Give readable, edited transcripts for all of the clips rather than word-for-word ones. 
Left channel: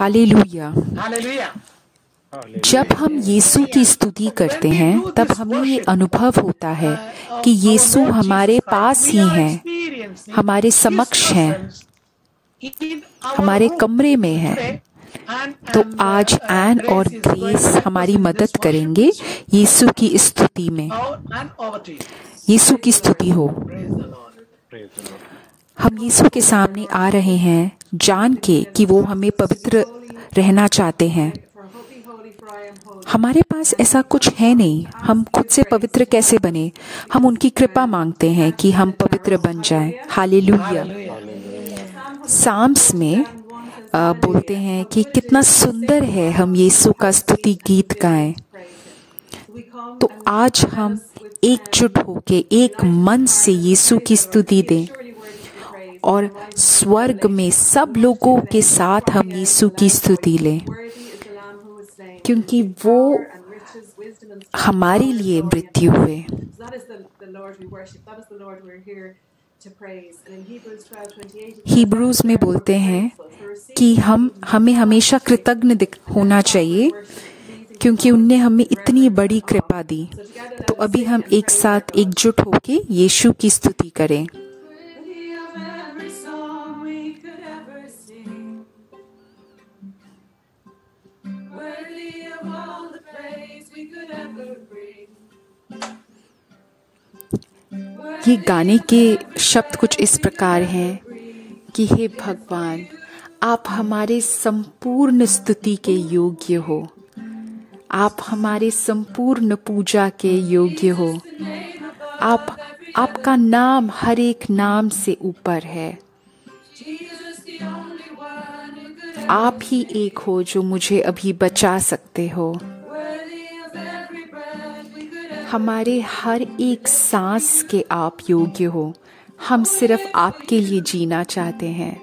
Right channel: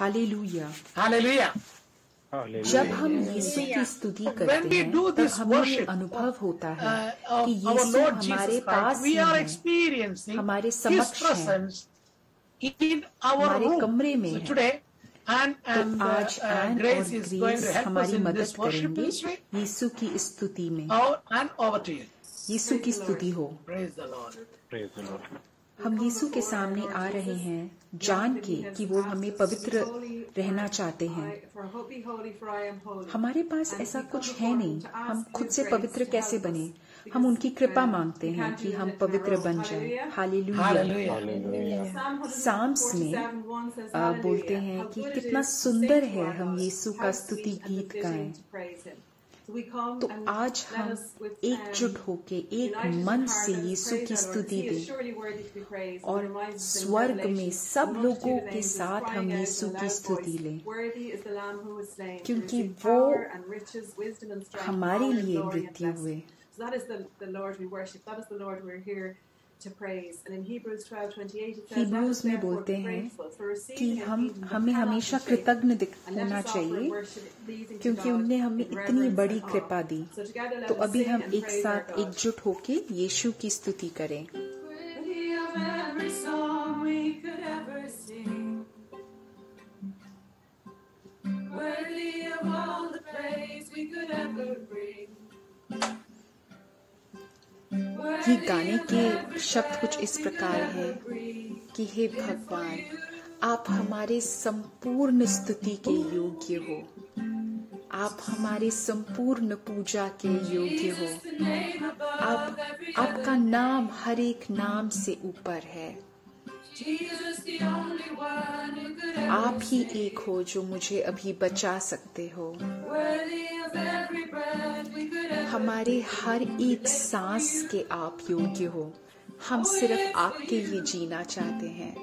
Hallelujah. Hallelujah. जब हम यीशु की स्तुति करते हैं तब हमें ये अनुभव होता है कि यीशु हमारे पास ही हैं, हमारे समक्ष हैं, हमारे कमरे में हैं। तो आज एन और ग्रेस हमारी मदद करेंगे यीशु की स्तुति में। यीशु की स्तुति हो। हम यीशु के सामने आ रहे हैं जान के कि वो हमें पवित्र रहना चाहते हैं। हमारे पास ऐसा कुछ है नहीं, हम खुद से पवित्र कैसे बने? हम उनकी कृपा मांगते हैं कि हम पवित्र बन जाएं। हालेलुया। साम्स में बोलते हैं कि कितना सुंदर है हम यीशु का स्तुति गीत गाएं। तो आज हम एकजुट होके एक मन से यीशु की स्तुति दें और स्वर्ग में सब लोगों के साथ हम यीशु की स्तुति लें, क्योंकि वो हमारे लिए मृत्यु हुए। हिब्रूज में बोलते हैं कि हमें हमेशा कृतज्ञ होना चाहिए क्योंकि उनने हमें इतनी बड़ी कृपा दी। तो अभी हम एक साथ एकजुट होके यीशु की स्तुति करें। ये गाने के शब्द कुछ इस प्रकार हैं कि हे भगवान, आप हमारे संपूर्ण स्तुति के योग्य हो, आप हमारे संपूर्ण पूजा के योग्य हो। आपका नाम हर एक नाम से ऊपर है। आप ही एक हो जो मुझे अभी बचा सकते हो। हमारे हर एक सांस के आप योग्य हो। हम सिर्फ आपके लिए जीना चाहते हैं।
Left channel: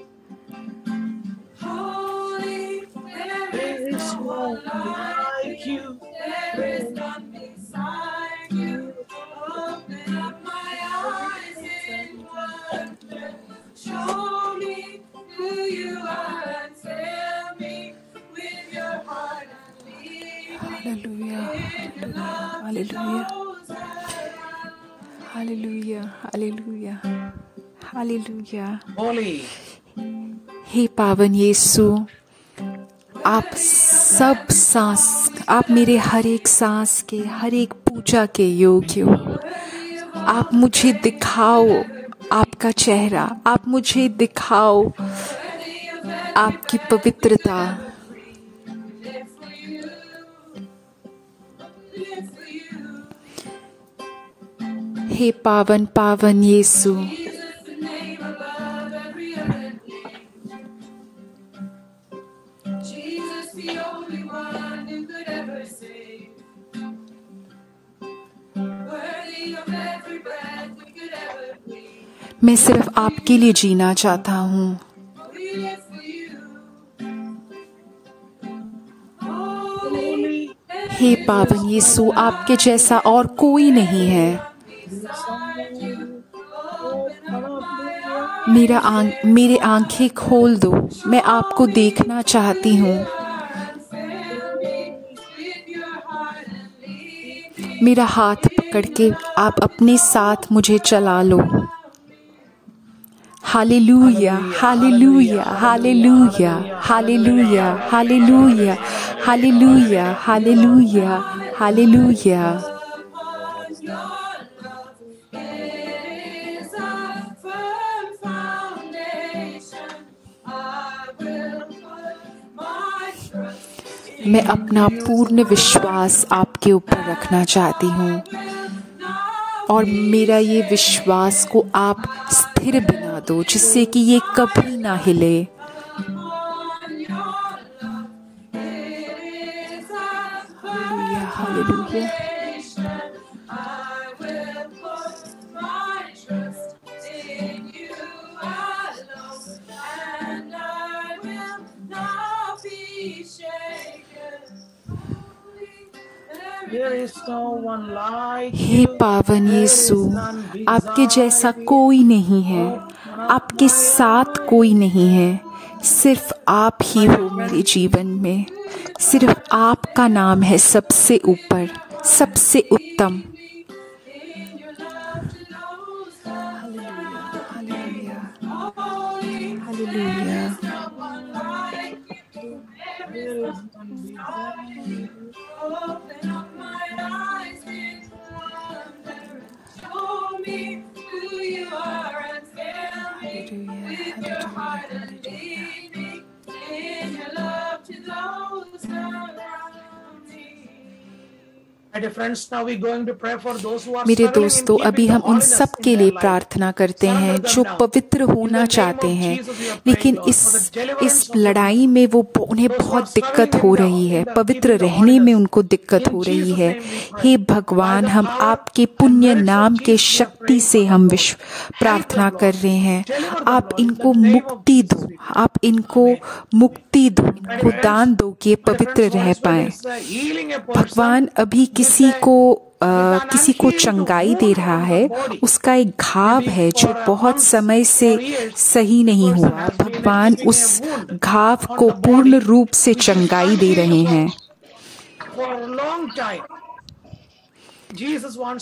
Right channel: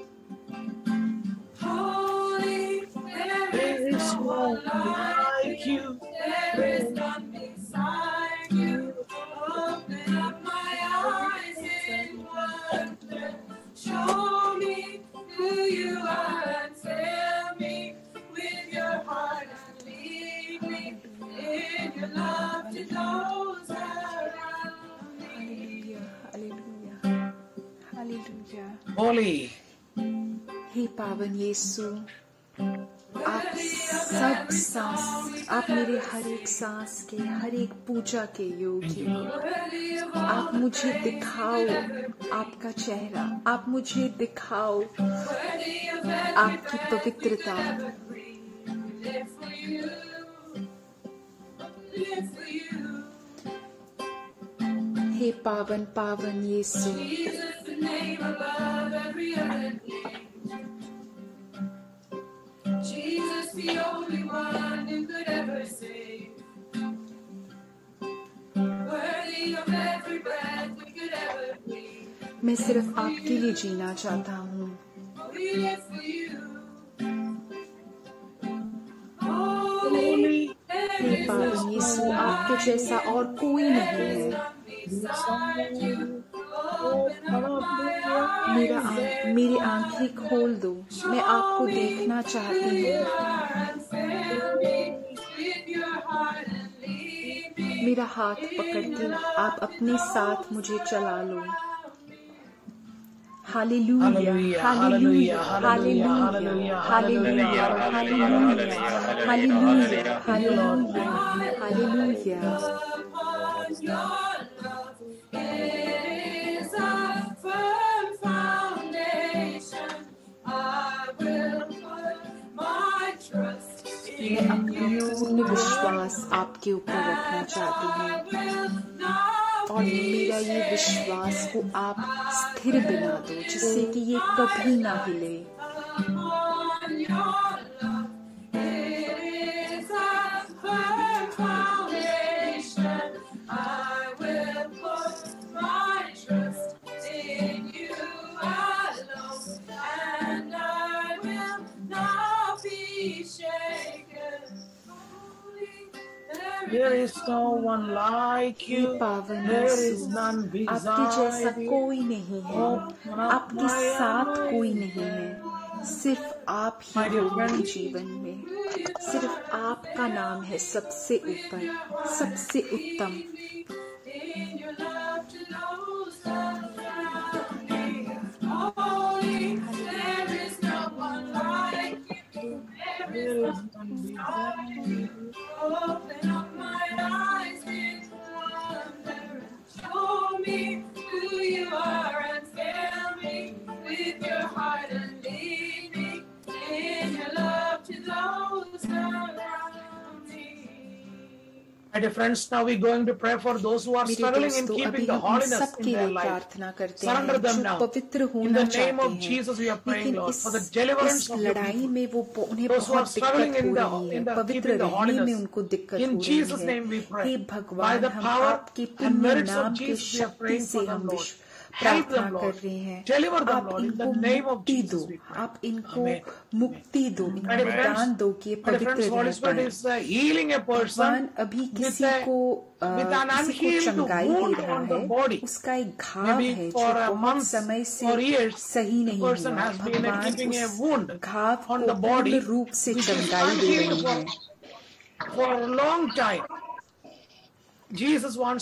Hallelujah, hallelujah, hallelujah. हे पावन यीशु, आप सब सांस, आप मेरे हर एक सांस के, हर एक पूजा के योग्य हो। आप मुझे दिखाओ आपका चेहरा, आप मुझे दिखाओ आपकी पवित्रता। हे पावन पावन यीशु, मैं सिर्फ आपके लिए जीना चाहता हूँ। हे पावन यीशु, आपके जैसा और कोई नहीं है। मेरी आंखें खोल दो, मैं आपको देखना चाहती हूँ। मेरा हाथ पकड़ के आप अपने साथ मुझे चला लो। Hallelujah, hallelujah, hallelujah, hallelujah, hallelujah, hallelujah, hallelujah, hallelujah. मैं अपना पूर्ण विश्वास आपके ऊपर रखना चाहती हूँ और मेरा ये विश्वास को आप स्थिर बना दो जिससे कि ये कभी ना हिले। हे पावन यीशु, आपके जैसा कोई नहीं है, आपके साथ कोई नहीं है। सिर्फ आप ही हो मेरे जीवन में। सिर्फ आपका नाम है सबसे ऊपर, सबसे उत्तम। मेरे दोस्तों, अभी हम इन सब के लिए प्रार्थना करते हैं जो पवित्र होना चाहते हैं, लेकिन इस लड़ाई में उन्हें बहुत दिक्कत हो रही है, पवित्र रहने में उनको दिक्कत हो रही है। हे भगवान, हम आपके पुण्य नाम के शक्ति से हम प्रार्थना कर रहे हैं। आप इनको मुक्ति दो, आप इनको मुक्ति दो, इनको दान दो कि पवित्र रह पाए। भगवान अभी किसी को चंगाई दे रहा है, उसका एक घाव है जो बहुत समय से सही नहीं हुआ। भगवान उस घाव को पूर्ण रूप से चंगाई दे रहे हैं।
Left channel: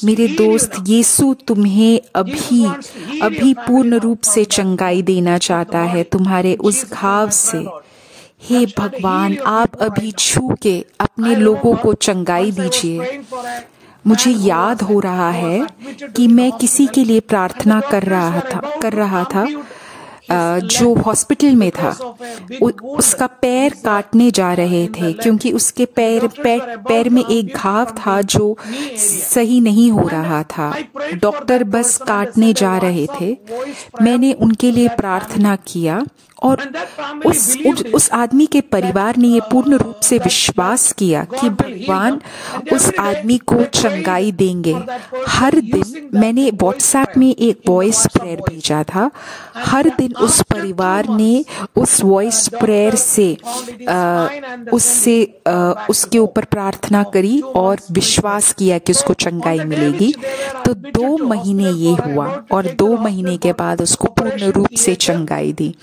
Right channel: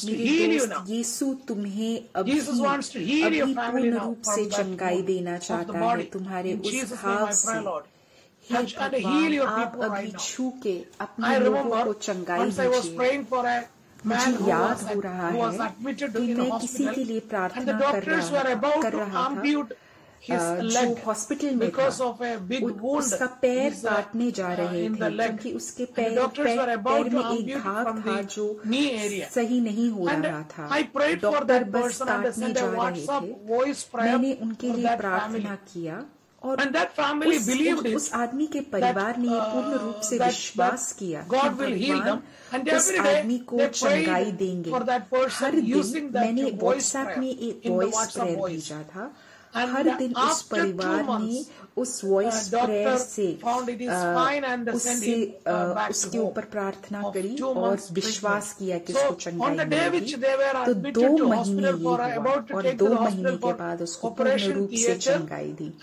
मेरे दोस्त, यीशु तुम्हें अभी पूर्ण रूप से चंगाई देना चाहता है तुम्हारे उस घाव से। हे भगवान, आप अभी छू के अपने लोगों को चंगाई दीजिए। मुझे याद हो रहा है कि मैं किसी के लिए प्रार्थना कर रहा था जो हॉस्पिटल में था। उसका पैर काटने जा रहे थे क्योंकि उसके पैर में एक घाव था जो सही नहीं हो रहा था। डॉक्टर बस काटने जा रहे थे। मैंने उनके लिए प्रार्थना किया और उस आदमी के परिवार ने ये पूर्ण रूप से विश्वास किया कि भगवान उस आदमी को चंगाई देंगे। हर दिन मैंने व्हाट्सएप में एक वॉइस प्रेयर भेजा था। हर दिन उस परिवार ने उस वॉइस प्रेयर से उसके ऊपर प्रार्थना करी और विश्वास किया कि उसको चंगाई मिलेगी। तो 2 महीने ये हुआ और 2 महीने के बाद उसको पूर्ण रूप से चंगाई दी।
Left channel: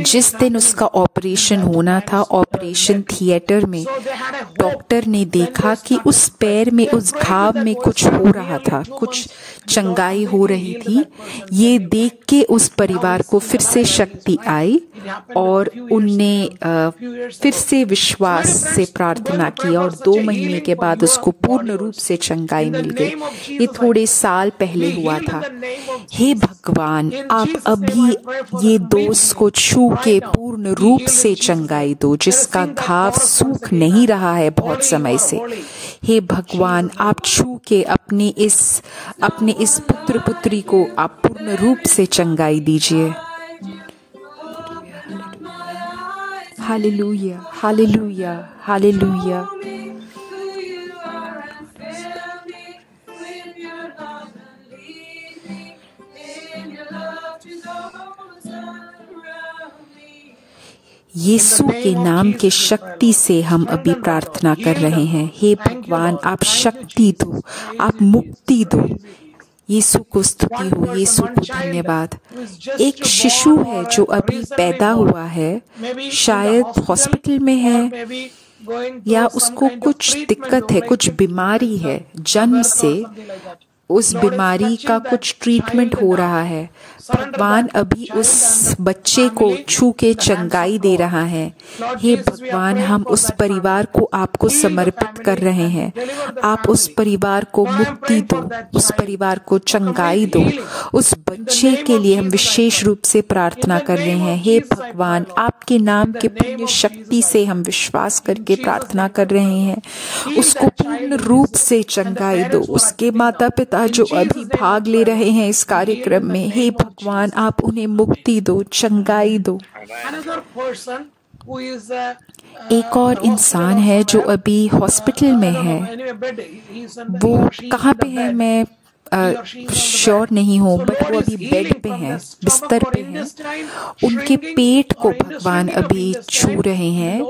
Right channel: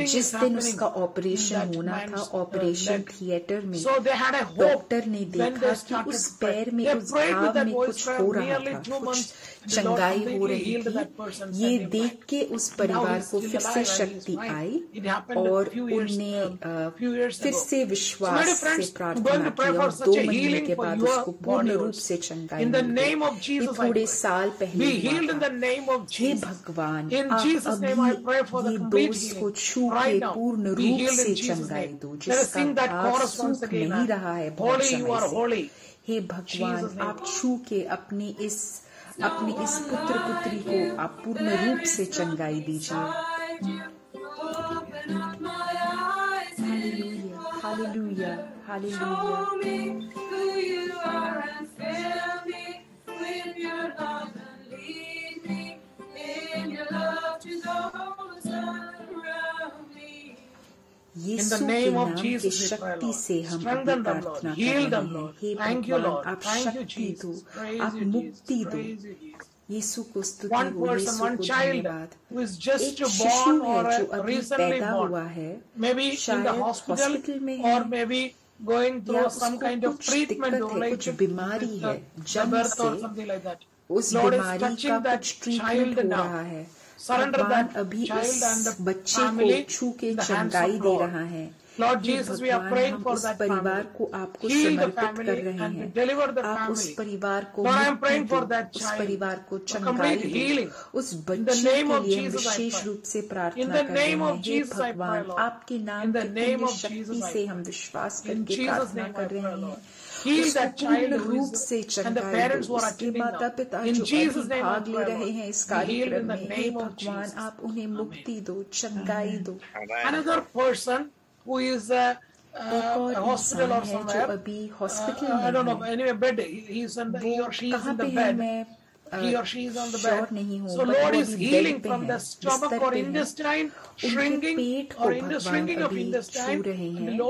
जिस दिन उसका ऑपरेशन होना था, ऑपरेशन थिएटर में डॉक्टर ने देखा कि उस पैर में, उस घाव में कुछ हो रहा था, कुछ चंगाई हो रही थी। ये देख के उस परिवार को फिर से शक्ति आई और उनने फिर से विश्वास से प्रार्थना की और 2 महीने के बाद उसको पूर्ण रूप से चंगाई मिल गई। ये थोड़े साल पहले हुआ था। हे भगवान, आप अभी ये दोस्त को छू के पूर्ण रूप से चंगाई दो, जिसका घाव सूख नहीं रहा है बहुत समय से। हे भगवान, आप छू के अपने इस पुत्र पुत्री को आप पूर्ण रूप से चंगाई दीजिए। Hallelujah, hallelujah, hallelujah. यीशु के नाम के शक्ति से हम अभी प्रार्थना कर रहे हैं। हे भगवान, आप शक्ति दो, आप मुक्ति दो। यीशु को स्तुति हो, यीशु को धन्यवाद। एक शिशु है जो अभी पैदा हुआ है, शायद हॉस्पिटल में है या उसको कुछ दिक्कत है, कुछ बीमारी है। जन्म से उस बीमारी का कुछ ट्रीटमेंट हो रहा है। भगवान अभी उस बच्चे को छू के चंगाई दे रहा है। हे भगवान, हम उस परिवार को आपको समर्पित कर रहे हैं। आप उस परिवार को मुक्ति दो, उस परिवार को चंगाई दो। उस बच्चे के लिए हम विशेष रूप से प्रार्थना कर रहे हैं। हे भगवान, आपके नाम के पुण्य शक्ति से हम विश्वास करके प्रार्थना कर रहे हैं। उसको पूर्ण रूप से चंगाई दो। उसके माता पिता जो अभी भाग ले रहे हैं इस कार्यक्रम में, हे भगवान, आप उन्हें मुक्ति दो, चंगाई दो। एक और इंसान है जो अभी हॉस्पिटल में है। वो कहाँ पे है मैं श्योर नहीं हो, बट वो अभी बेड पे हैं, बिस्तर पे हैं, उनके पेट को भगवान अभी छू रहे हैं,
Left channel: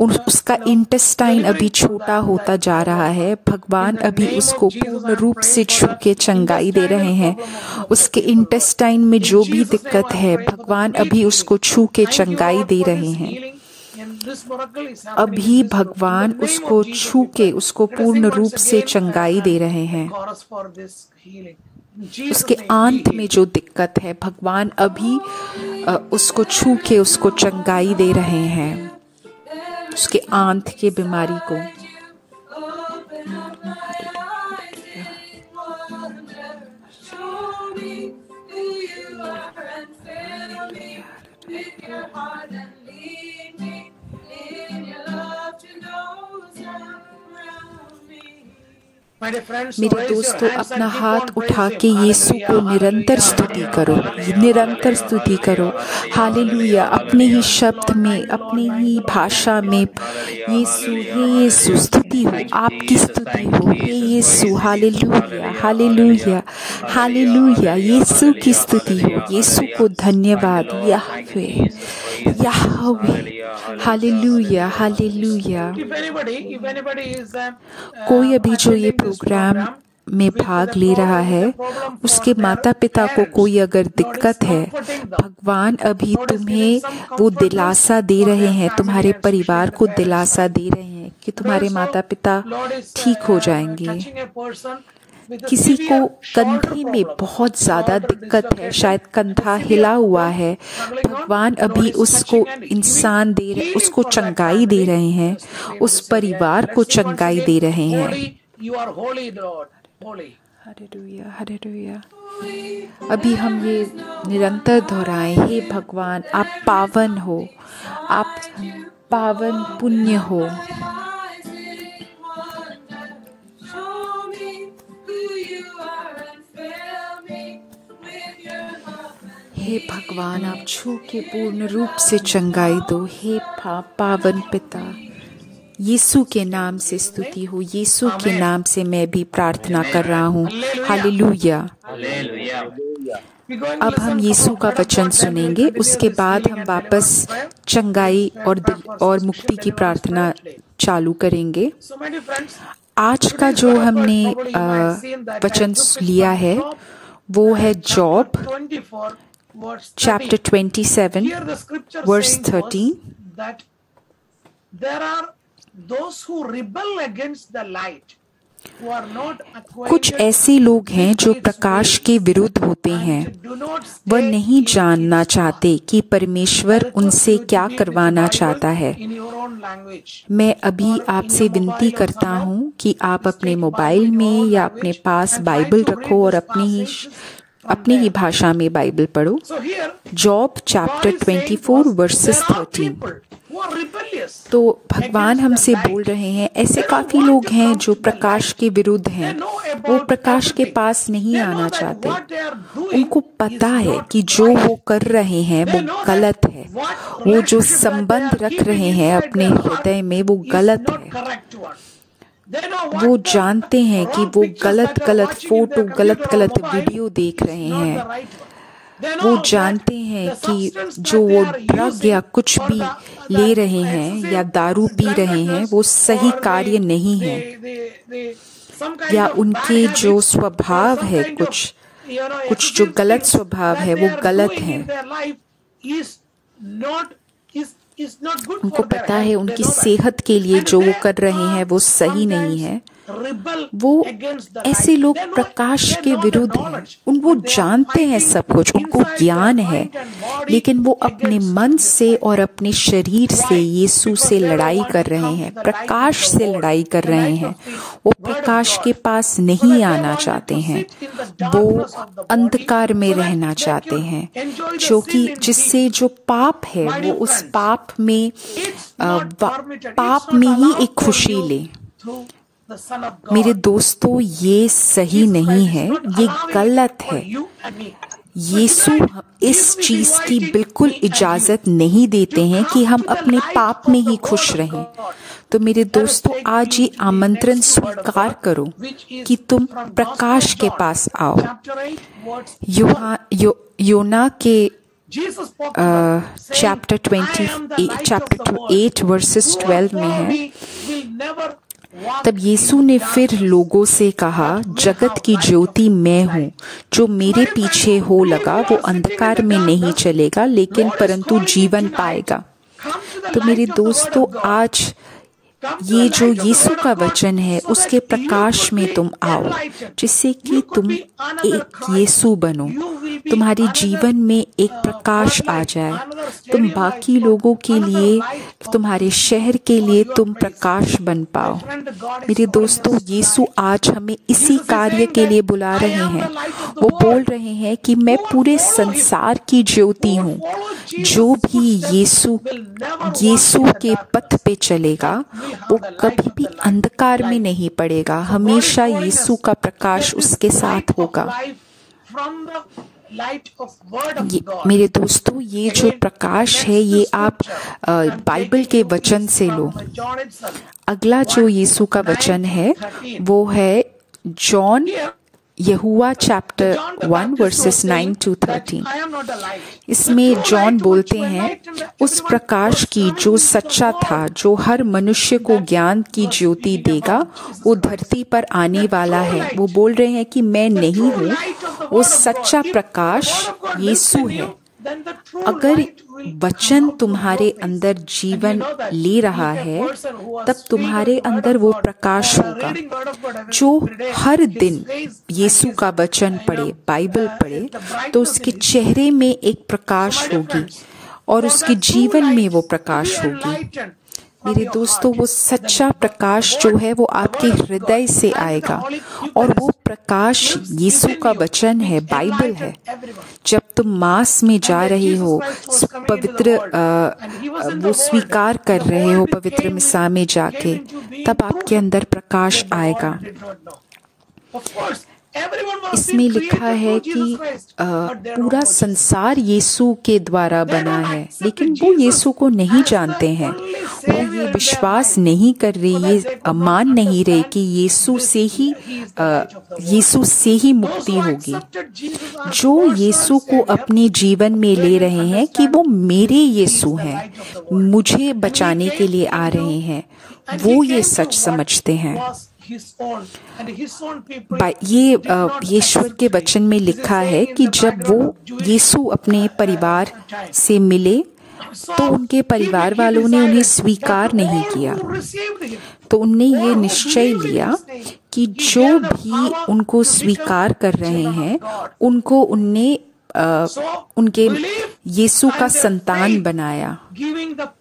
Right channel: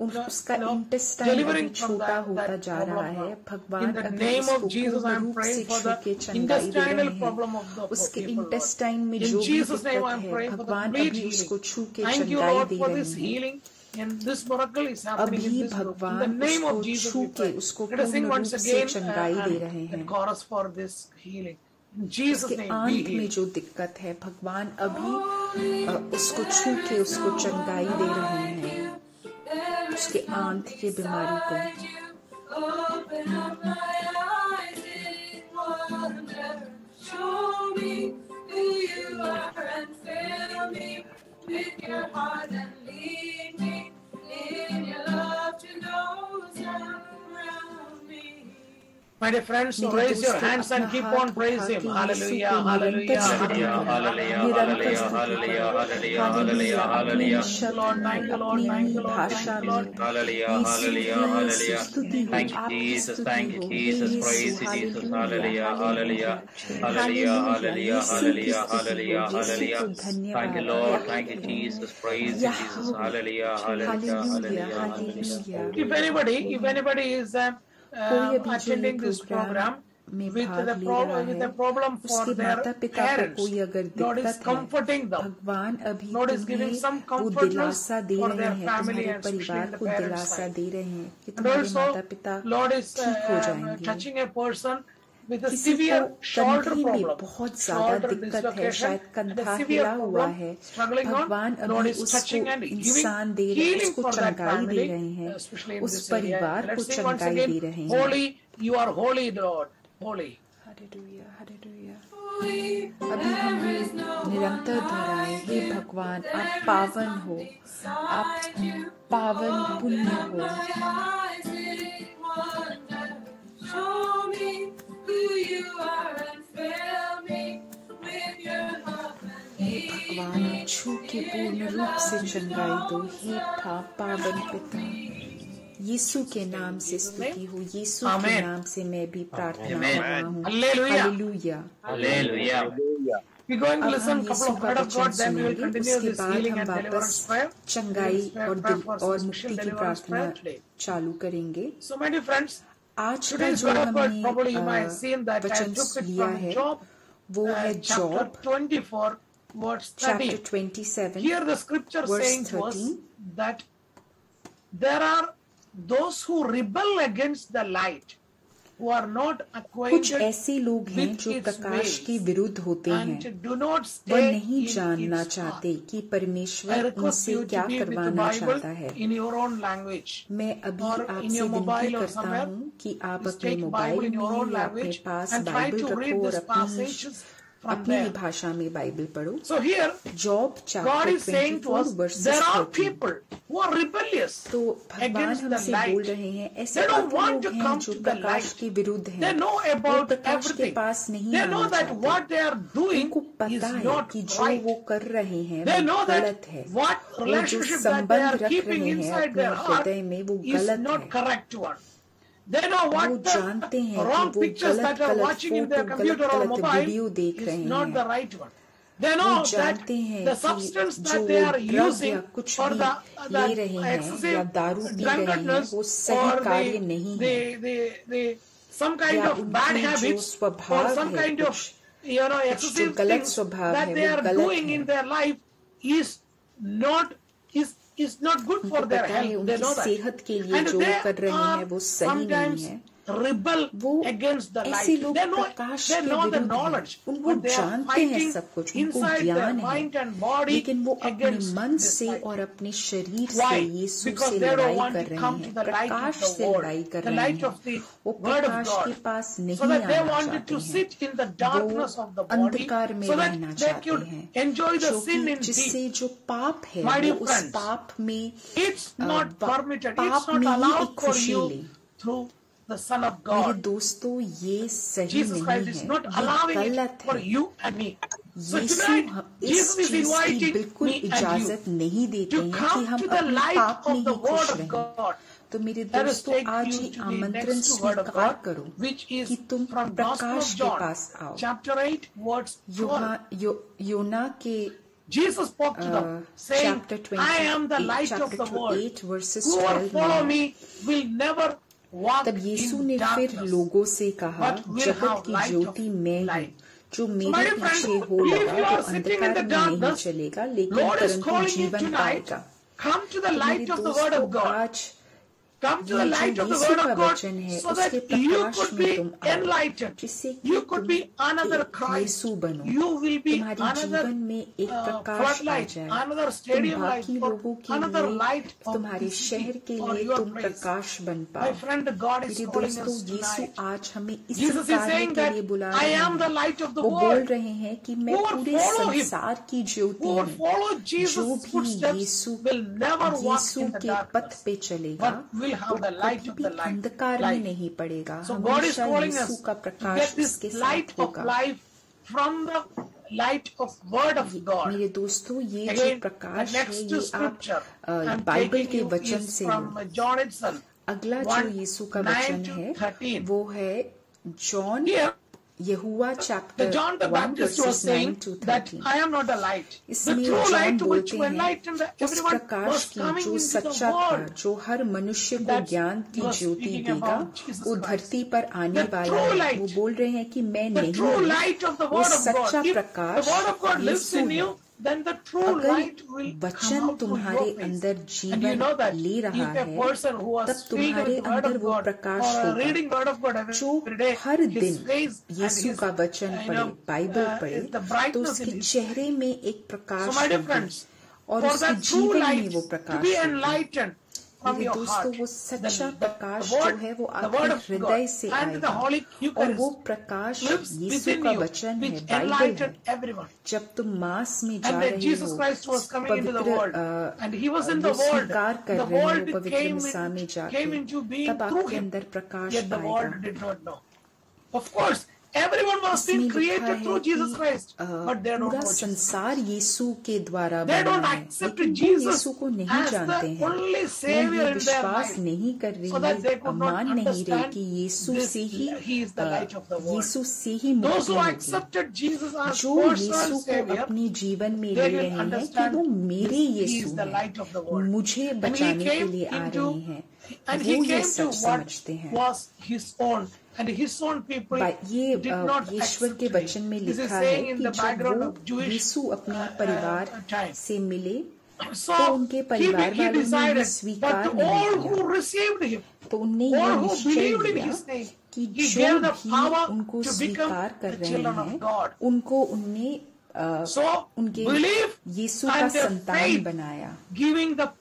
उसका इंटेस्टाइन अभी छोटा होता जा रहा है। भगवान अभी उसको पूर्ण रूप से छू के चंगाई दे रहे हैं। उसके इंटेस्टाइन में जो भी दिक्कत है, भगवान अभी उसको छू के चंगाई दे रहे हैं। अभी भगवान उसको छू के उसको पूर्ण रूप से चंगाई दे रहे हैं। उसके आंत में जो दिक्कत है, भगवान अभी उसको छू के उसको चंगाई दे रहे हैं, उसके आंत की बीमारी को। मेरे दोस्तों, अपना हाथ उठा के यीशु को निरंतर स्तुति करो, निरंतर स्तुति करो। हालेलुया, अपने ही शब्द में, अपनी ही भाषा में, यीशु, हे यीशु, स्तुति हो, आपकी स्तुति हो, हे यीशु। हालेलुया, हालेलुया, हालेलुया, यीशु की स्तुति हो, यीशु को धन्यवाद। Yahweh, Yahweh, hallelujah, hallelujah. कोई अभी जो ये प्रोग्राम में भाग ले रहा है, उसके माता पिता को कोई अगर दिक्कत है, भगवान अभी तुम्हें वो दिलासा दे रहे हैं, तुम्हारे परिवार को दिलासा दे रहे हैं कि तुम्हारे माता पिता ठीक हो जाएंगे। किसी को कंधे में बहुत ज्यादा दिक्कत है, शायद कंधा हिला हुआ है, भगवान अभी उसको इंसान दे रहे, उसको चंगाई दे रहे हैं, उस परिवार को चंगाई दे रहे हैं। Hallelujah, hallelujah. अभी हम ये निरंतर दोहराएं, हे भगवान, आप पावन हो, आप पावन पुण्य हो। हे भगवान, आप छू के पूर्ण रूप से चंगाई दो। हे पावन पिता, यीशु के नाम से स्तुति हो, यीशु के नाम से मैं भी प्रार्थना कर रहा हूँ। हालेलुया। अब हम यीशु का वचन सुनेंगे, उसके बाद हम वापस चंगाई और मुक्ति की प्रार्थना चालू करेंगे। आज का जो हमने वचन लिया है वो है जॉब चैप्टर 27 वर्स 13। कुछ ऐसे लोग हैं जो प्रकाश के विरुद्ध होते हैं, वह नहीं जानना चाहते कि परमेश्वर उनसे क्या करवाना चाहता है। मैं अभी आपसे विनती करता हूँ कि आप अपने मोबाइल में या अपने पास बाइबल रखो और अपनी ही भाषा में बाइबल पढ़ो। Job chapter 24 versus 13। तो भगवान हमसे बोल रहे हैं, ऐसे काफी लोग हैं जो प्रकाश के विरुद्ध हैं, वो प्रकाश के पास नहीं आना चाहते। उनको पता है कि जो वो कर रहे हैं वो गलत है, वो जो संबंध रख रहे हैं अपने हृदय में वो गलत है। वो जानते हैं कि वो गलत फोटो, गलत वीडियो देख रहे हैं। वो जानते हैं कि जो वो ड्रग या कुछ भी ले रहे हैं या दारू पी रहे हैं वो सही कार्य नहीं है, या उनके जो स्वभाव है, कुछ जो गलत स्वभाव है वो गलत है। उनको पता है उनकी सेहत के लिए जो वो कर रहे हैं वो सही नहीं है। वो ऐसे लोग प्रकाश के विरुद्ध हैं, वो जानते हैं सब कुछ, उनको ज्ञान है, लेकिन वो अपने मन से और अपने शरीर से यीशु से लड़ाई कर रहे हैं, प्रकाश से लड़ाई कर रहे हैं। वो प्रकाश के पास नहीं आना चाहते हैं, वो अंधकार में रहना चाहते हैं, जो कि जिससे जो पाप है वो उस पाप में ही एक खुशी ले। मेरे दोस्तों, ये सही नहीं है, ये गलत है। यीशु इस चीज की बिल्कुल इजाजत नहीं देते हैं कि हम अपने पाप में ही खुश रहें। तो मेरे दोस्तों, आज ये आमंत्रण स्वीकार करो कि तुम प्रकाश के पास आओ। योना के चैप्टर 8 वर्सेस 12 में है, तब यीशु ने फिर लोगों से कहा, जगत की ज्योति मैं हूँ, जो मेरे पीछे हो लगा वो अंधकार में नहीं चलेगा लेकिन परंतु जीवन पाएगा। तो मेरे दोस्तों, आज ये जो यीशु का वचन है उसके प्रकाश में तुम आओ, जिससे कि तुम एक यीशु बनो, तुम्हारे जीवन में एक प्रकाश आ जाए, तुम बाकी लोगों के लिए, तुम्हारे शहर के लिए तुम प्रकाश बन पाओ। मेरे दोस्तों, यीशु आज हमें इसी कार्य के लिए बुला रहे हैं। वो बोल रहे हैं कि मैं पूरे संसार की ज्योति हूँ। जो भी यीशु के पथ पे चलेगा वो कभी भी अंधकार में नहीं पड़ेगा, हमेशा यीशु का प्रकाश उसके साथ होगा। मेरे दोस्तों, ये जो प्रकाश है ये आप बाइबल के वचन से लो। अगला जो यीशु का वचन है वो है John Jehovah chapter 1 versus 9 to 13। इसमें जॉन बोलते हैं, उस प्रकाश की जो सच्चा था, जो हर मनुष्य को ज्ञान की ज्योति देगा, वो धरती पर आने वाला है। वो बोल रहे हैं कि मैं नहीं हूँ, वो सच्चा प्रकाश यीशु है। अगर वचन तुम्हारे अंदर जीवन ले रहा है, तब तुम्हारे अंदर वो प्रकाश होगा। जो हर दिन यीशु का वचन पढ़े, बाइबल पढ़े, तो उसके चेहरे में एक प्रकाश होगी और उसके जीवन में वो प्रकाश होगी। मेरे दोस्तों, वो सच्चा प्रकाश जो है वो आपके हृदय से आएगा और वो प्रकाश यीशु का वचन है, बाइबल है। जब तुम मास में जा रहे हो, पवित्र वो स्वीकार कर रहे हो पवित्र मिसा में जाके, तब आपके अंदर प्रकाश आएगा। इसमें लिखा है कि पूरा संसार यीशु के द्वारा बना है, लेकिन वो यीशु को नहीं जानते हैं। वो ये विश्वास नहीं कर रहे, ये मान नहीं रहे कि यीशु से ही मुक्ति होगी। जो यीशु को अपने जीवन में ले रहे हैं कि वो मेरे यीशु हैं, मुझे बचाने के लिए आ रहे हैं, वो ये सच समझते हैं। ये ईश्वर के वचन में लिखा है कि जब वो यीशु अपने परिवार से मिले तो उनके परिवार वालों ने उन्हें स्वीकार नहीं किया। तो उनने ये निश्चय लिया कि जो भी उनको स्वीकार कर रहे हैं उनको उनने उनके यीशु का संतान बनाया,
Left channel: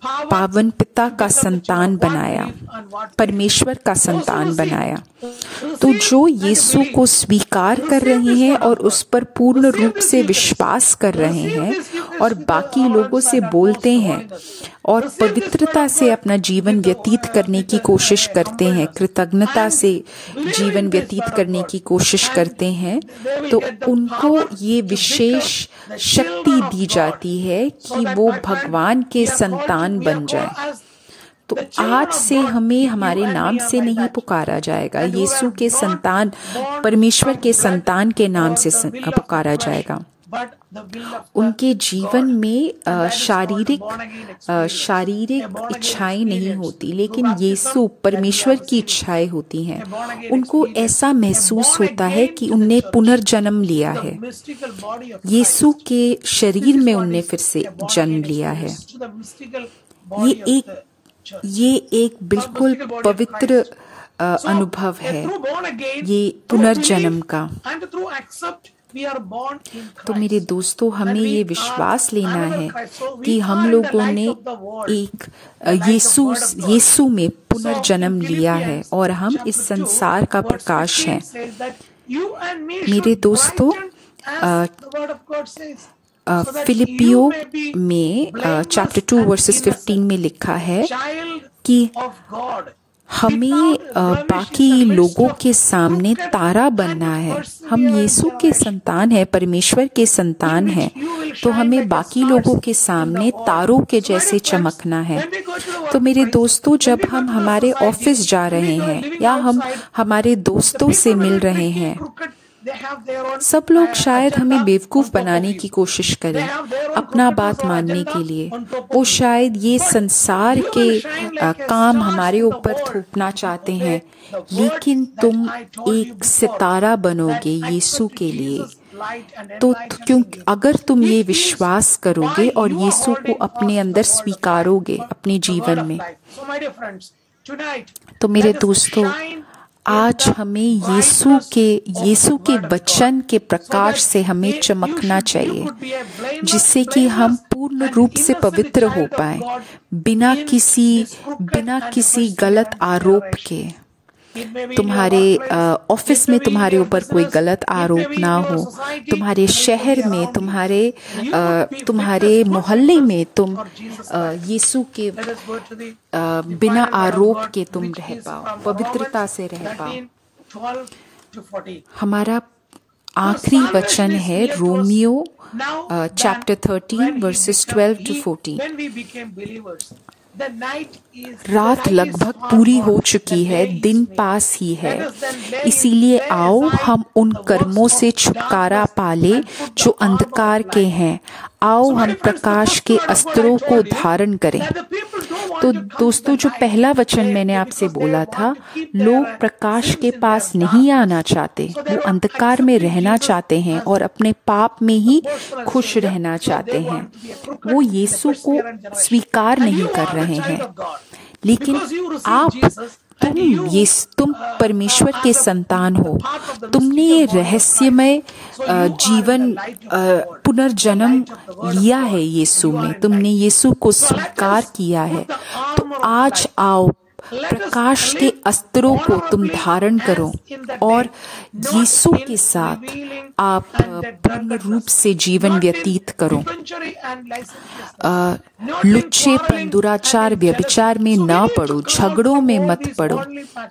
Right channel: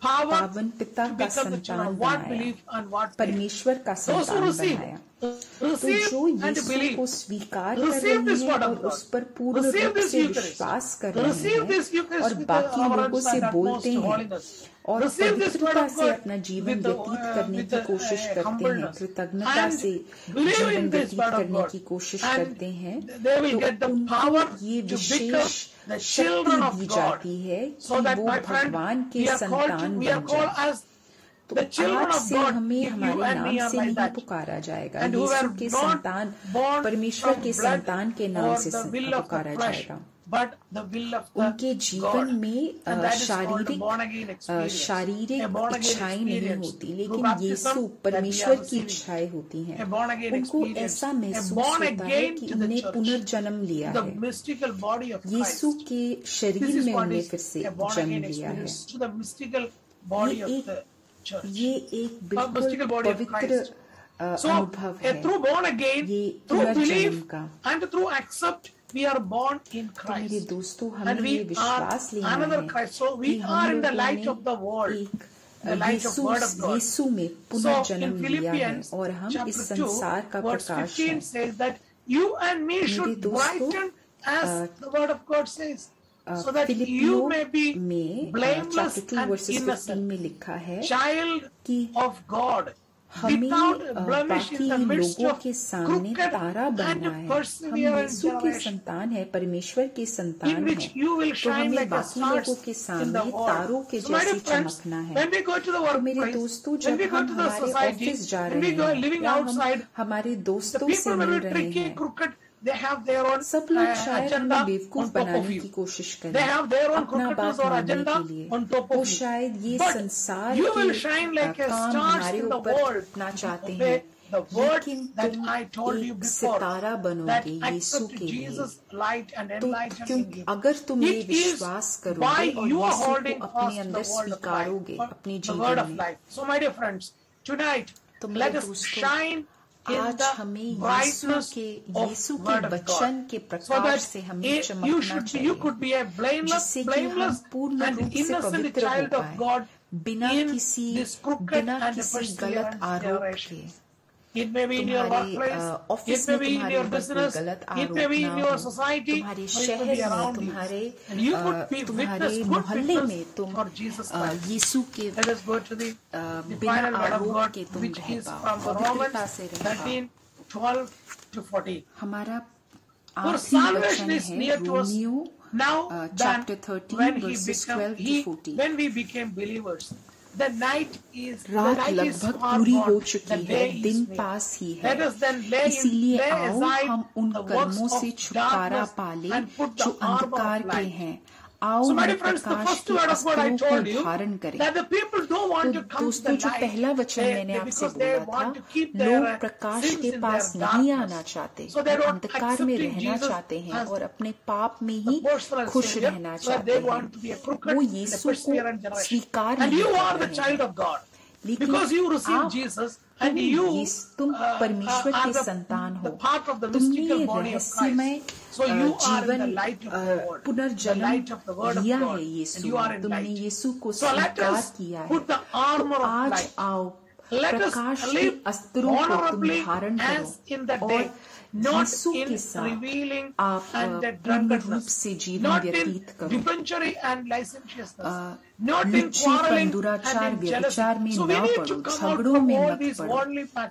पावन पिता का संतान बनाया, परमेश्वर का संतान बनाया। तो जो यीशु को स्वीकार कर रहे हैं और उस पर पूर्ण रूप से विश्वास कर रहे हैं और बाकी लोगों से बोलते हैं और पवित्रता से अपना जीवन व्यतीत करने की कोशिश करते हैं, कृतज्ञता से जीवन व्यतीत करने की कोशिश करते हैं, तो उनको ये विशेष शक्ति दी जाती है कि वो भगवान के संतान बन जाए। तो आज से हमें हमारे नाम से नहीं पुकारा जाएगा, यीशु के संतान, परमेश्वर के संतान के नाम से पुकारा जाएगा। उनके जीवन में शारीरिक इच्छाएं नहीं होती, लेकिन यीशु परमेश्वर की इच्छाएं होती हैं। उनको ऐसा महसूस होता है कि उनने पुनर्जन्म लिया है, यीशु के शरीर में उनने फिर से जन्म लिया है। ये एक बिल्कुल पवित्र अनुभव है, ये पुनर्जन्म का। तो मेरे दोस्तों, हमें ये विश्वास लेना है कि हम लोगों ने एक यीशु में पुनर्जन्म लिया है और हम इस संसार का प्रकाश हैं। मेरे दोस्तों, फिलिपियो में चैप्टर 2 वर्सेस 15 में लिखा है कि हमें बाकी लोगों के सामने तारा बनना है। हम यीशु के संतान हैं, परमेश्वर के संतान हैं, तो हमें बाकी लोगों के सामने तारों के जैसे चमकना है। तो मेरे दोस्तों, जब हम हमारे ऑफिस जा रहे हैं या हम हमारे दोस्तों से मिल रहे हैं, सब लोग शायद हमें बेवकूफ बनाने की कोशिश करें अपना बात मानने के लिए। वो शायद ये संसार के काम हमारे ऊपर थोपना चाहते हैं, लेकिन तुम एक सितारा बनोगे यीशु के लिए। तो क्योंकि अगर तुम ये विश्वास करोगे और यीशु को अपने अंदर स्वीकारोगे अपने जीवन में, तो मेरे दोस्तों, आज हमें यीशु के वचन के प्रकाश से हमें चमकना चाहिए, जिससे कि हम पूर्ण रूप से पवित्र हो पाए, बिना किसी गलत आरोप के। तुम्हारे ऑफिस में तुम्हारे ऊपर कोई गलत आरोप ना हो, तुम्हारे शहर में, तुम्हारे मोहल्ले में तुम यीशु के बिना आरोप के तुम रह पाओ, पवित्रता से रह पाओ। हमारा आखिरी वचन है रोमियो चैप्टर 13 वर्सेस 12 to 14। रात लगभग पूरी हो चुकी है, दिन पास ही है, इसीलिए आओ हम उन कर्मों से छुटकारा पाले जो अंधकार के हैं। आओ हम प्रकाश के अस्त्रों को धारण करें। तो दोस्तों, जो पहला वचन मैंने आपसे बोला था, लोग प्रकाश के पास नहीं आना चाहते, वो अंधकार में रहना चाहते हैं और अपने पाप में ही खुश रहना चाहते हैं। वो यीशु को स्वीकार नहीं कर रहे हैं। लेकिन तुम परमेश्वर के संतान हो, तुमने ये रहस्यमय जीवन पुनर्जन्म लिया है यीशु में, तुमने यीशु को स्वीकार किया है। तो आज आओ, प्रकाश के अस्त्रों को तुम धारण करो और यीशु के साथ आप पूर्ण रूप से जीवन व्यतीत करो। लुच्चेपन, दुराचार, व्यभिचार में ना पड़ो, झगड़ों में मत पड़ो।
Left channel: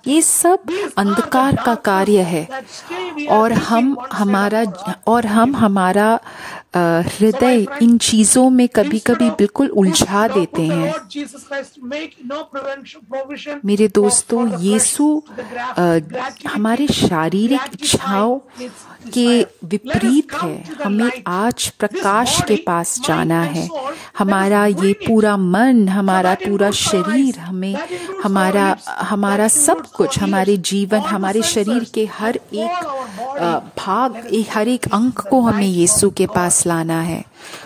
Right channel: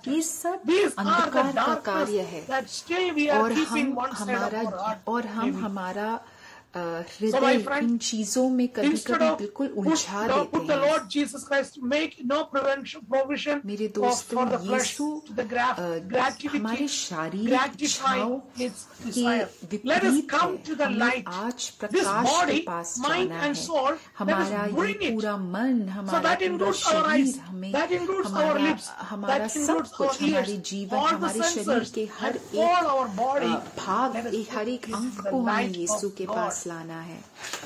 ये सब अंधकार का कार्य है और हम हमारा हृदय इन चीजों में कभी कभी बिल्कुल उलझा देते हैं। मेरे दोस्तों, यीशु हमारे शारीरिक इच्छाओं के विपरीत है। हमें आज प्रकाश के पास जाना है। हमारा ये पूरा मन, हमारा पूरा शरीर, हमारा सब कुछ, हमारे जीवन, हमारे शरीर के हर एक भाग, हर एक अंग को हमें यीशु के पास लाना है।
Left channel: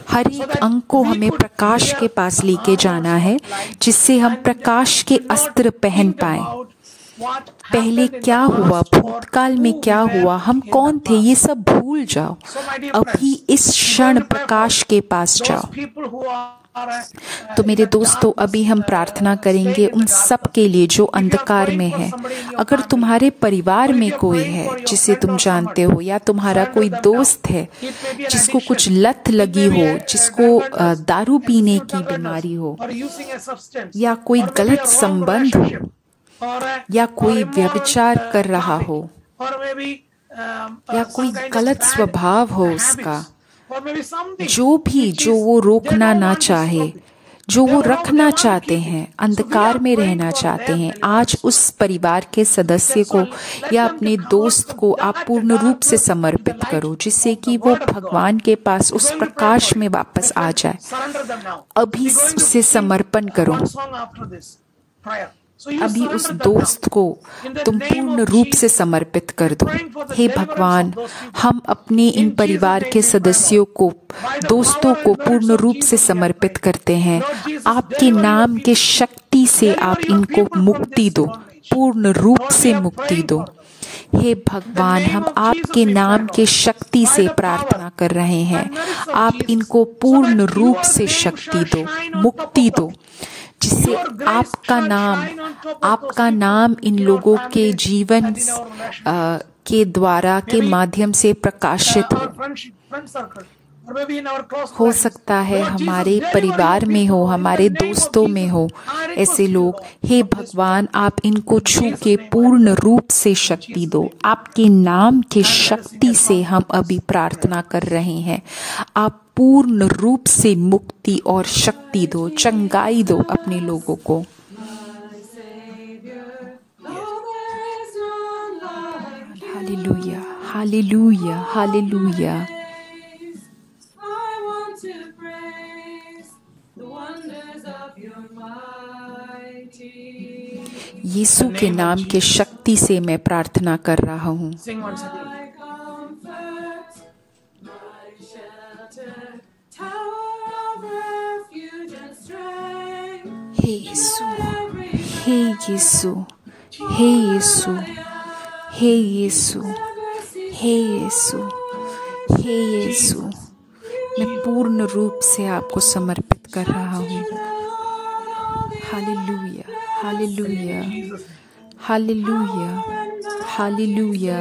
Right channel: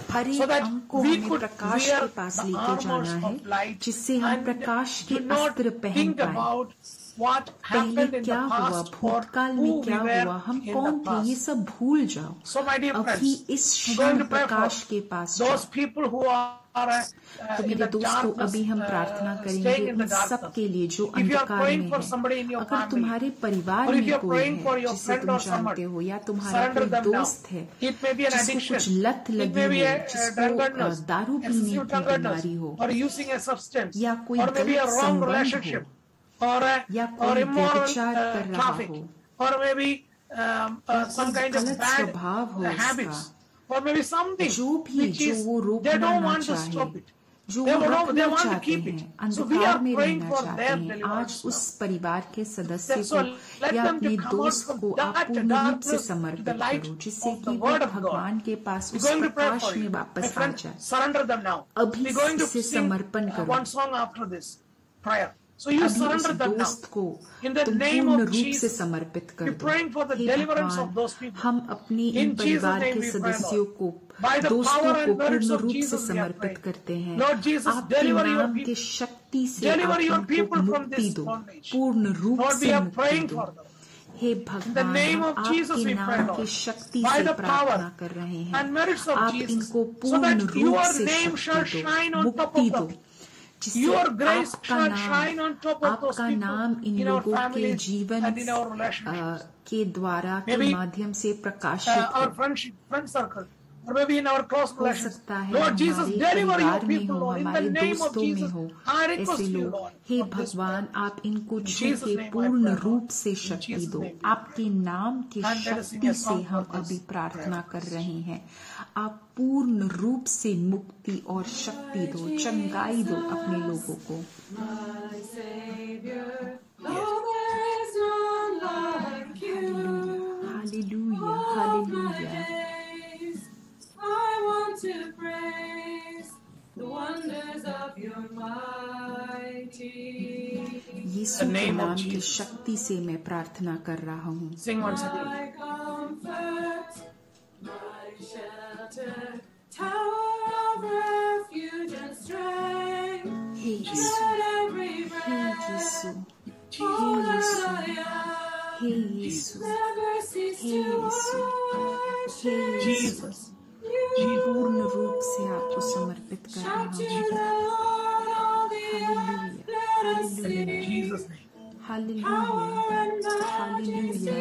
हर एक अंग को हमें प्रकाश के पास लेके जाना है, जिससे हम प्रकाश के अस्त्र पहन पाए। पहले क्या हुआ, भूतकाल में क्या हुआ, हम कौन थे, ये सब भूल जाओ। अभी इस क्षण प्रकाश के पास जाओ। तो मेरे दोस्तों, अभी हम प्रार्थना करेंगे उन सब के लिए जो अंधकार में है। अगर तुम्हारे परिवार में कोई है जिसे तुम जानते हो, या तुम्हारा कोई दोस्त है जिसको कुछ लत लगी हो, जिसको दारू पीने की बीमारी हो, या कोई गलत संबंध हो, या कोई व्यभिचार कर रहा हो, या कोई गलत स्वभाव हो उसका, जो वो रोकना ना चाहे, जो वो रखना चाहते हैं, अंधकार में रहना चाहते हैं, आज उस परिवार के सदस्य को या अपने दोस्त को आप पूर्ण रूप से समर्पित करो, जिससे कि वो भगवान के पास उस प्रकाश में वापस आ जाए। अभी उसे समर्पण करो। अभी उस दोस्त को तुम पूर्ण रूप से समर्पित कर दो। हे भगवान, हम अपने इन परिवार के सदस्यों को, दोस्तों को पूर्ण रूप से समर्पित करते हैं। आपके नाम के शक्ति से आप इनको मुक्ति दो, पूर्ण रूप से मुक्ति दो। हे भगवान, हम आपके नाम के शक्ति से प्रार्थना कर रहे हैं। आप इनको पूर्ण रूप से शक्ति दो, मुक्ति दो, जिससे आपका नाम इन लोगों के जीवन के द्वारा, के माध्यम से प्रकाशित हो। हो सकता है हमारे परिवार में हो, हमारे दोस्तों में हो ऐसे लोग। हे भगवान, आप इनको छू के पूर्ण रूप से शक्ति दो। आपके नाम के शक्ति से हम अभी प्रार्थना कर रहे हैं। आप पूर्ण रूप से मुक्ति और शक्ति दो, चंगाई दो अपने लोगों को। Hallelujah, hallelujah, hallelujah. यीशु के नाम के शक्ति से मैं प्रार्थना कर रहा हूँ। हे यीशु, हे यीशु, हे यीशु, हे यीशु, हे यीशु, हे यीशु, मैं पूर्ण रूप से आपको समर्पित कर रहा हूँ। Hallelujah, hallelujah, hallelujah, hallelujah.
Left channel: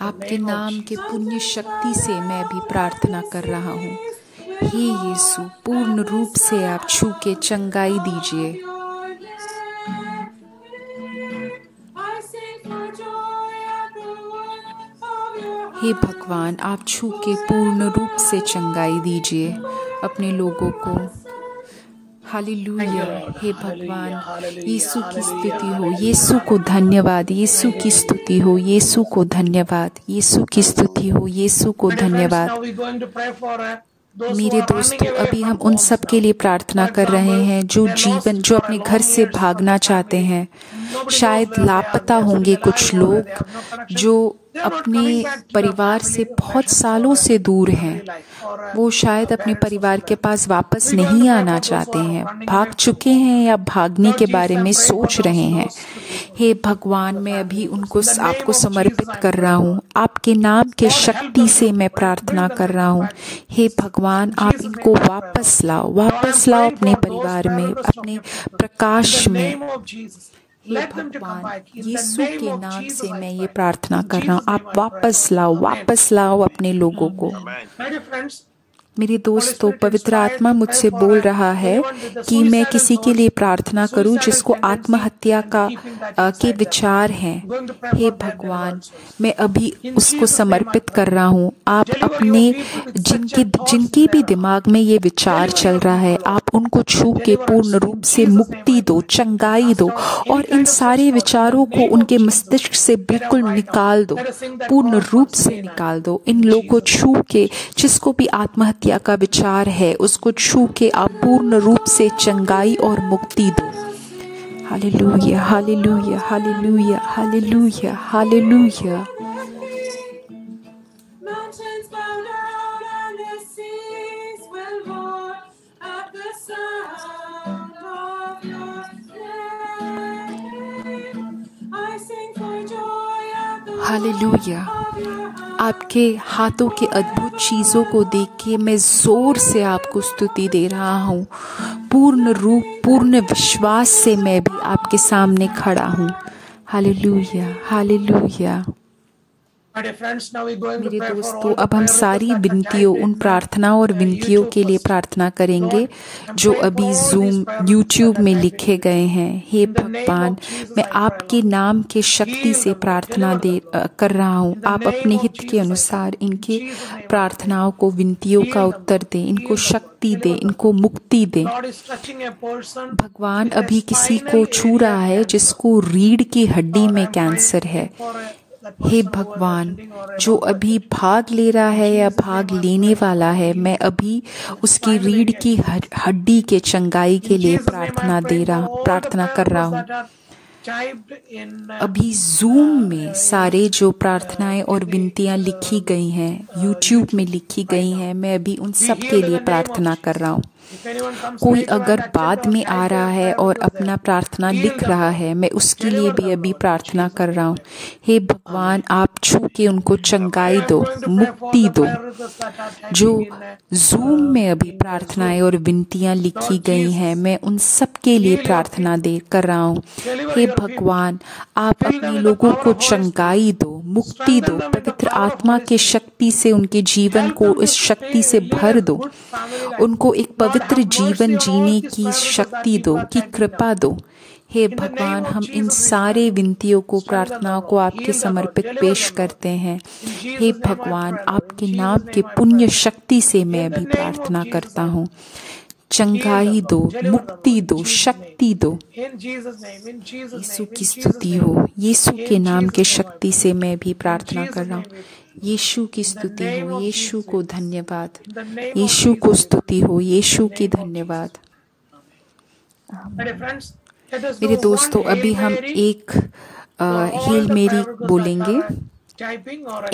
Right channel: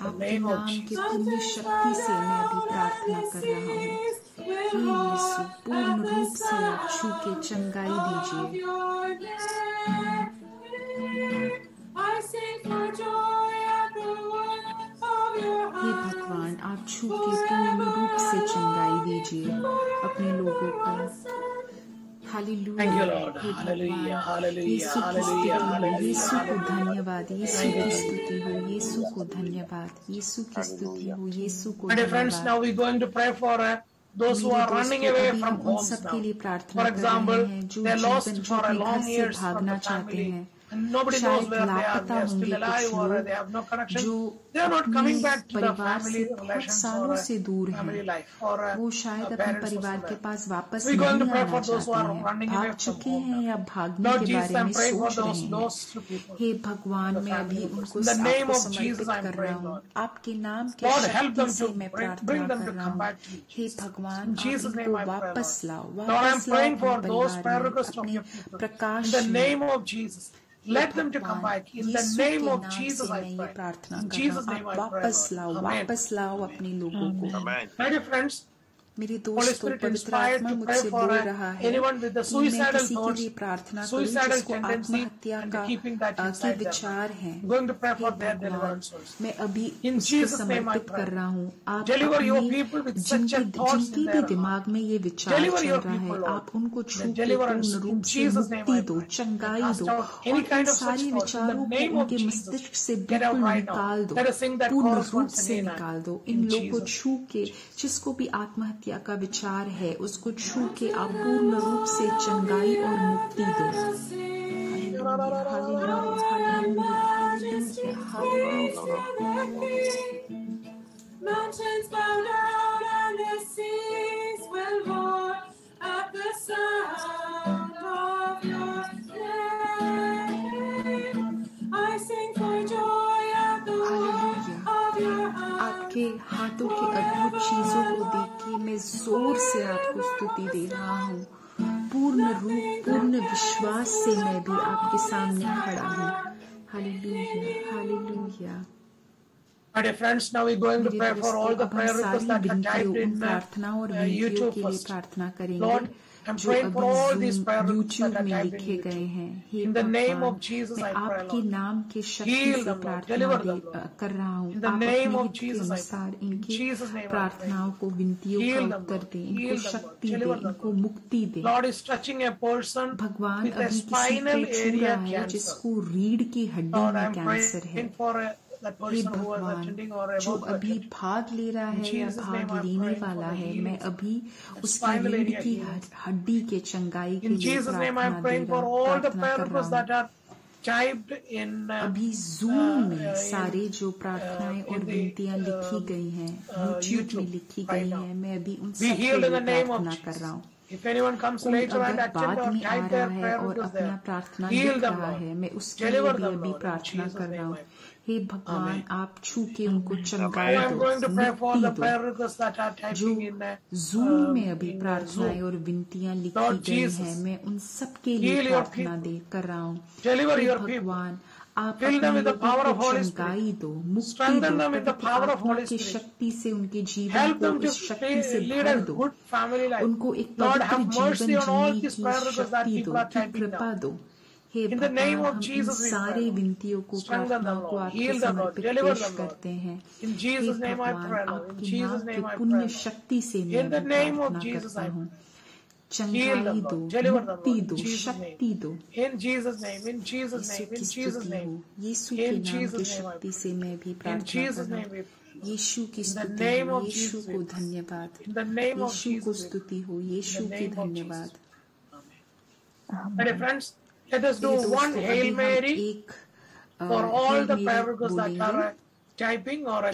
आपके नाम के पुण्य शक्ति से मैं भी प्रार्थना कर रहा हूँ। हे यीशु, पूर्ण रूप से आप छू के चंगाई दीजिए। हे भगवान, आप छू के पूर्ण रूप से चंगाई दीजिए अपने लोगों को। हालेलुया। हे भगवान, यीशु की स्तुति हो, यीशु को धन्यवाद, यीशु की स्तुति हो, यीशु को धन्यवाद, यीशु की स्तुति हो, यीशु को धन्यवाद। मेरे दोस्तों, अभी हम उन सब के लिए प्रार्थना कर रहे हैं जो अपने घर से भागना चाहते हैं। शायद लापता होंगे कुछ लोग जो अपने परिवार से बहुत सालों से दूर हैं। वो शायद अपने परिवार के पास वापस नहीं आना चाहते हैं, भाग चुके हैं या भागने के बारे में सोच रहे हैं। हे भगवान, मैं अभी उनको आपको समर्पित कर रहा हूँ। आपके नाम के शक्ति से मैं प्रार्थना कर रहा हूँ। हे भगवान, आप इनको वापस लाओ, वापस लाओ अपने परिवार में, अपने प्रकाश में। यीशु के नाम से मैं ये प्रार्थना कर रहा हूँ। आप वापस लाओ, वापस लाओ अपने लोगों को। मेरे दोस्तों, पवित्र आत्मा मुझसे बोल रहा है कि मैं किसी के लिए प्रार्थना करूं जिसको आत्महत्या के विचार हैं। हे भगवान, मैं अभी उसको समर्पित कर रहा हूं। आप अपने जिनके भी दिमाग में ये विचार चल रहा है, आप उनको छू के पूर्ण रूप से मुक्ति दो, चंगाई दो और इन सारे विचारों को उनके मस्तिष्क से बिल्कुल निकाल दो, पूर्ण रूप से निकाल दो। इन लोगों को छू के, जिसको भी आत्महत्या का विचार है, उसको छू के आप पूर्ण रूप से चंगाई और मुक्ति दो। Hallelujah, hallelujah, hallelujah, hallelujah, hallelujah. Hallelujah. आपके हाथों के अद्भुत चीज़ों को देख के मैं जोर से आपको स्तुति दे रहा हूँ। पूर्ण रूप, पूर्ण विश्वास से मैं भी आपके सामने खड़ा हूँ। Hallelujah, hallelujah. मेरे दोस्तों, अब हम सारी विनतियों, उन प्रार्थनाओं और विनतियों के लिए प्रार्थना करेंगे जो अभी जूम, यूट्यूब में लिखे गए हैं। हे भगवान, मैं आपके नाम के शक्ति से प्रार्थना कर रहा हूँ। आप अपने हित के अनुसार इनकी प्रार्थनाओं को, विनतियों का उत्तर दें, इनको शक्ति दें, इनको मुक्ति दें। भगवान अभी किसी को छू रहा है जिसको रीढ़ की हड्डी में कैंसर है। हे भगवान, जो अभी भाग ले रहा है या भाग लेने वाला है, मैं अभी उसकी रीढ़ की हड्डी के चंगाई के लिए प्रार्थना कर रहा हूँ। अभी जूम में सारे जो प्रार्थनाएं और विनतियां लिखी गई हैं, यूट्यूब में लिखी गई हैं, मैं अभी उन सब के लिए प्रार्थना कर रहा हूँ। कोई अगर बाद में आ रहा है और अपना प्रार्थना लिख रहा है, मैं उसके लिए भी अभी प्रार्थना कर रहा हूँ। हे भगवान, आप छू के उनको चंगाई दो, मुक्ति दो। जो जूम में अभी प्रार्थनाएं और विनतियां लिखी गई हैं, मैं उन सब के लिए प्रार्थना कर रहा हूँ। हे भगवान, आप अपने लोगों को चंगाई दो, मुक्ति दो, पवित्र आत्मा के शक्ति से उनके जीवन को इस शक्ति से भर दो, उनको एक पवित्र जीवन जीने की शक्ति दो, की कृपा दो। हे भगवान, हम इन सारे विनतियों को, प्रार्थनाओं को आपके समर्पित पेश करते हैं। हे भगवान, आपके नाम के पुण्य शक्ति से मैं भी प्रार्थना करता हूँ। चंगाई दो, मुक्ति दो, शक्ति दो। यीशु की स्तुति हो। यीशु के नाम के शक्ति से मैं भी प्रार्थना कर रहा हूँ। यीशु की स्तुति हो। यीशु को धन्यवाद। यीशु को स्तुति हो। यीशु की धन्यवाद। मेरे दोस्तों, अभी हम एक हील मेरी बोलेंगे,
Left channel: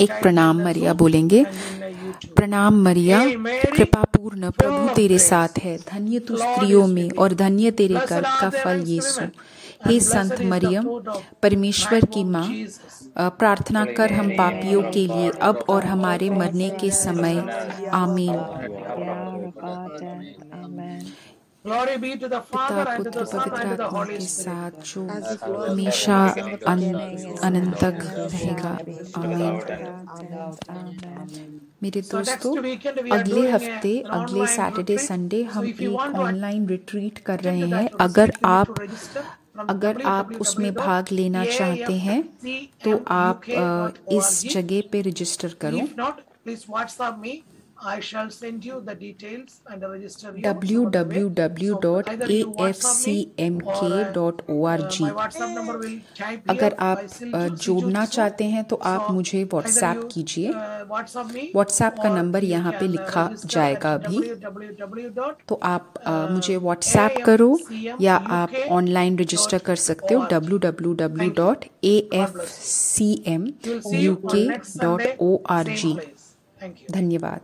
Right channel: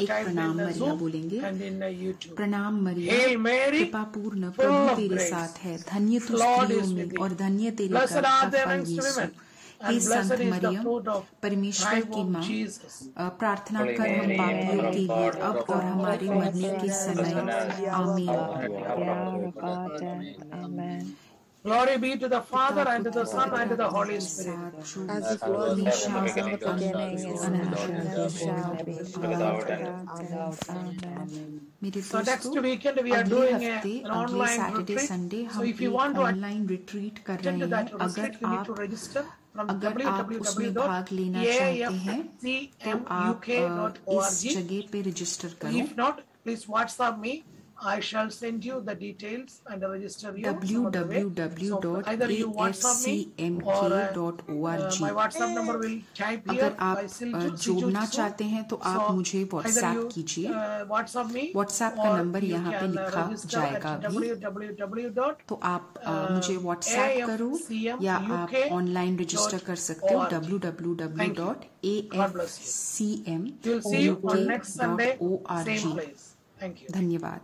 एक प्रणाम मरिया बोलेंगे। प्रणाम मरिया, कृपा पूर्ण, प्रभु तेरे साथ है, धन्य तू स्त्रियों में और धन्य तेरे गर्भ का फल यीशु। हे संत मरियम, परमेश्वर की माँ, प्रार्थना कर हम पापियों के लिए अब और हमारे मरने के समय। आमीन। Glory be to the Father and to the Son and to the Holy Spirit. हमेशा अनंत तक रहेगा। मेरे दोस्तों, अगले हफ्ते, अगले सैटरडे संडे हम एक ऑनलाइन रिट्रीट कर रहे हैं। अगर आप उसमें भाग लेना चाहते हैं तो आप इस जगह पे रजिस्टर करो। If not, please WhatsApp me. I shall send you the details and register you. www.afcmk.org। My WhatsApp number will type here. अगर आप जोड़ना चाहते हैं तो आप मुझे व्हाट्सएप कीजिए। व्हाट्सएप का नंबर यहाँ पे लिखा जाएगा अभी, तो आप मुझे व्हाट्सएप करो या आप ऑनलाइन रजिस्टर कर सकते हो www.afcmuk.org। धन्यवाद।